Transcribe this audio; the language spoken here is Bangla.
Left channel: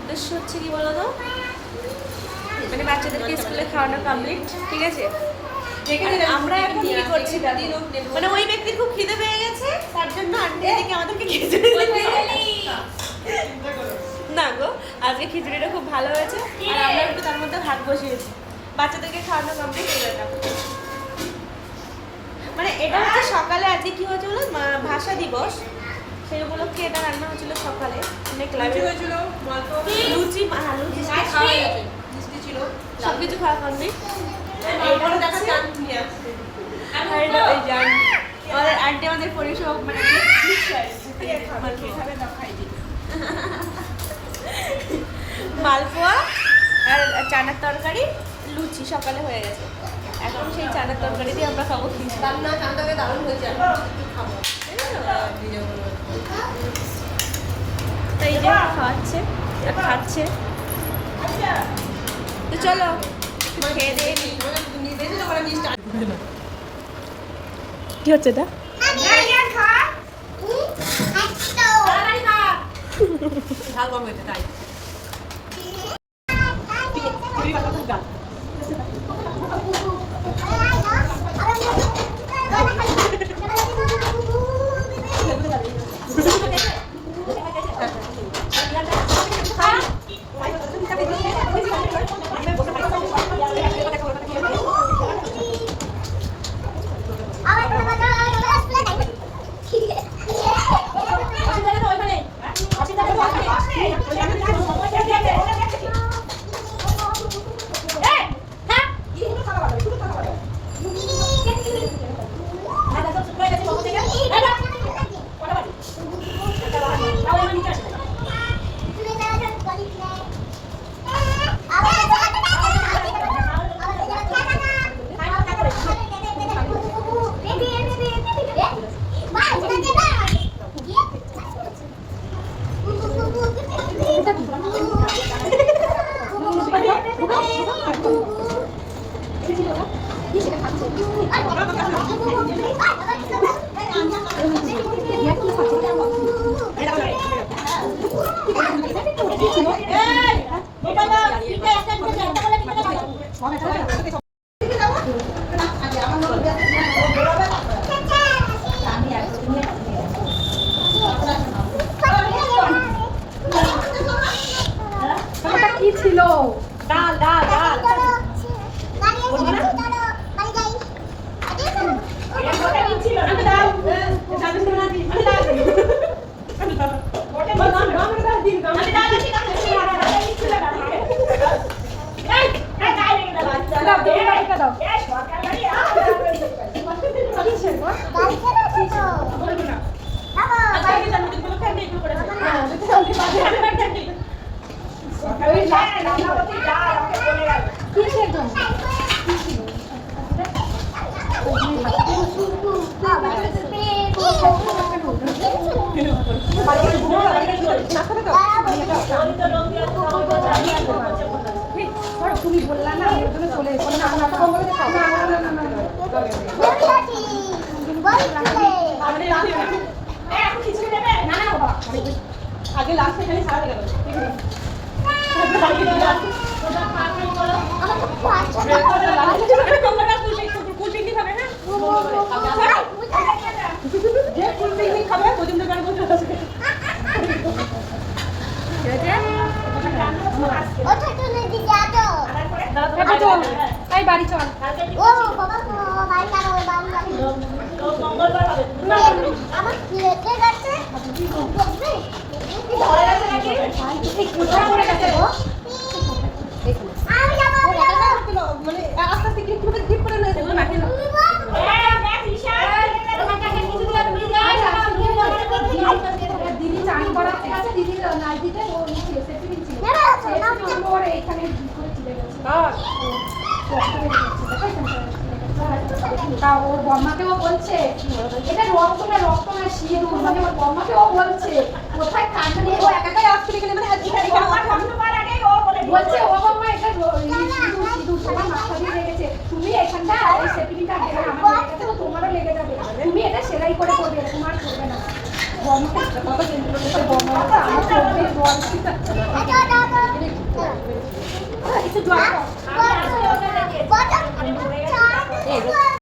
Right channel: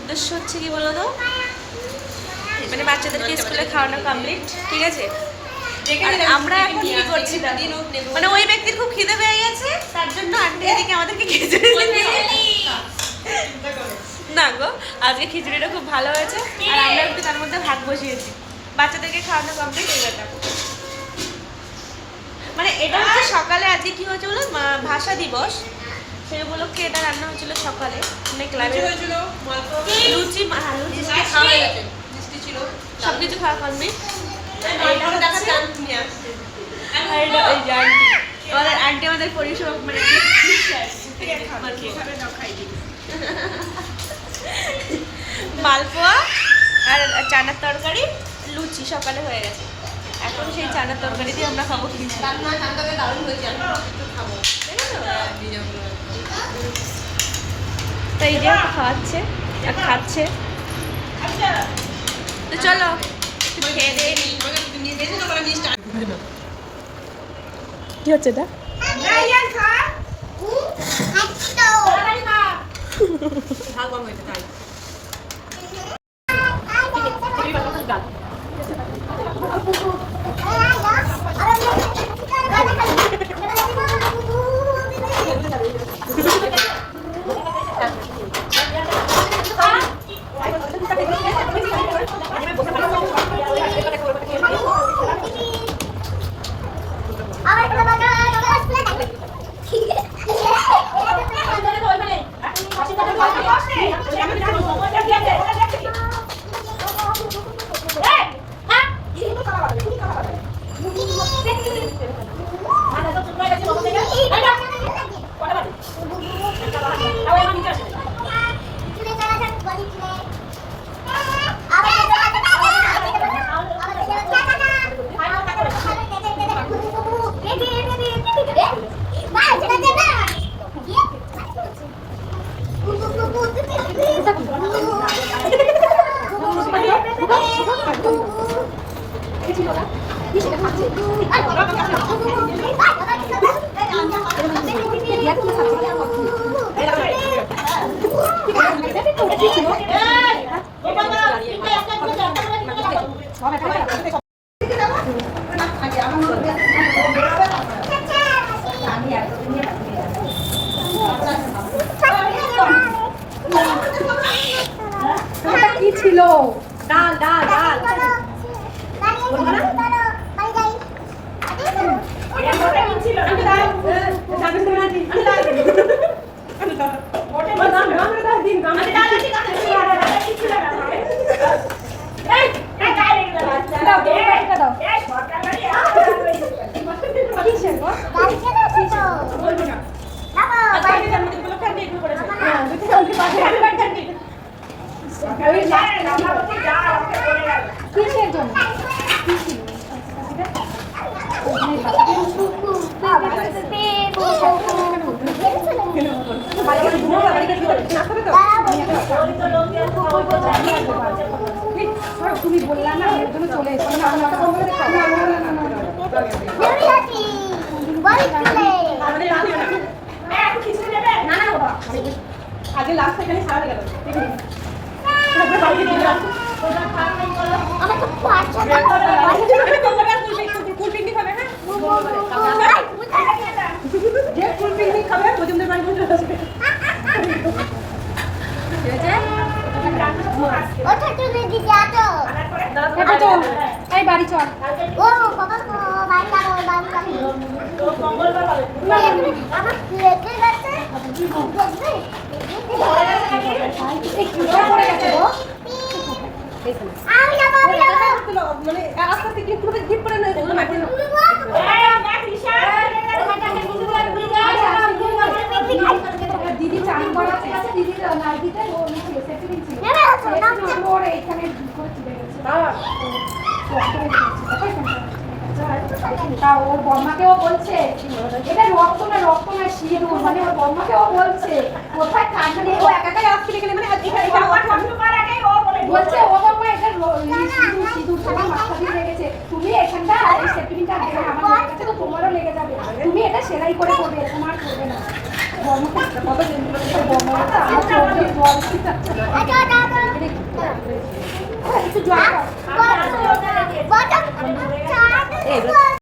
উদ্দেশ্য হচ্ছে কি বলো তো, মানে বাচ্চাদেরকে স্কুলে খাওয়ানো কমপ্লিট, ঠিক আছে। আমরা এখন কি করছি মানে ওই ব্যক্তির খুব খিদে পেয়ে গেছে, তার জন্য আন্টি এদিকে আমাদেরকে খিচুড়ি না গো, আজকে খিচুড়িটা খুব ভালো হয়েছে আর আমরা একটু তার মধ্যে ভাত বসিয়েছি, বাচ্চাদেরকে খাওয়ানো কমপ্লিট হয়ে গেছে। মানে এটা হচ্ছে সকালে আজকে কি হয়েছে বলো, ভাষা দিবস সেই উপলক্ষে এটা রান্না হয়েছিল সকালে, মানে ক্লাবে হয়েছিল লুচি, লুচি খাওয়া হয়ে গেছে, মিষ্টি ছিল, সব কিছু খাওয়া কমপ্লিট। আন্টি আমাদের পরিষেবা মানে মালপোয়া আর চানার তরকারি, লুচি সকালে হয়ে গেছে। এখন সেই চানার তরকারি দিয়ে আমরা খাবো খিচুড়ি। দারুণ হয়ে যাবে, খাবো। তো এই যে খাওয়াচ্ছে, খাচ্ছে, তো চলো একটু খেয়ে দিয়ে নিই। কি হচ্ছে এটা? ঝাল কম হয়েছে তাই। কি ছিল? ডাল ডাল ডাল কিসের জন্য? তুমি বললা না এর জন্য চলে এসো, আগে লাস্ট সেকেন্ডে সারা গেল। বাড়ি চল, মানে আস্তে আস্তে গিফট করে না এগুলো মাঠে না। দিদি চান করা আছে, দিদি নাইটিটা ও ছিল সেটিং ছিল ওর এইখানে করে চলে গেছে। তা ওর বর্মাকেও বলছে এটা রক্ত না সিঁদুর, মানে ওর বর্মাকেও বলছে কোথায় কাটবে, ও একাই আসতে গেলে মানে বলছে ও বাবা এটা সিঁদুর সেটা মাথা দিয়ে লেগেছে, তুমি এখানটা এই সেটিংটা দেবে আমার লেগে গেছে তো তোমারও লেগে যাবে, তুমি এটা সেলাই করে করবে, এরকম আর করবে না। একটু জল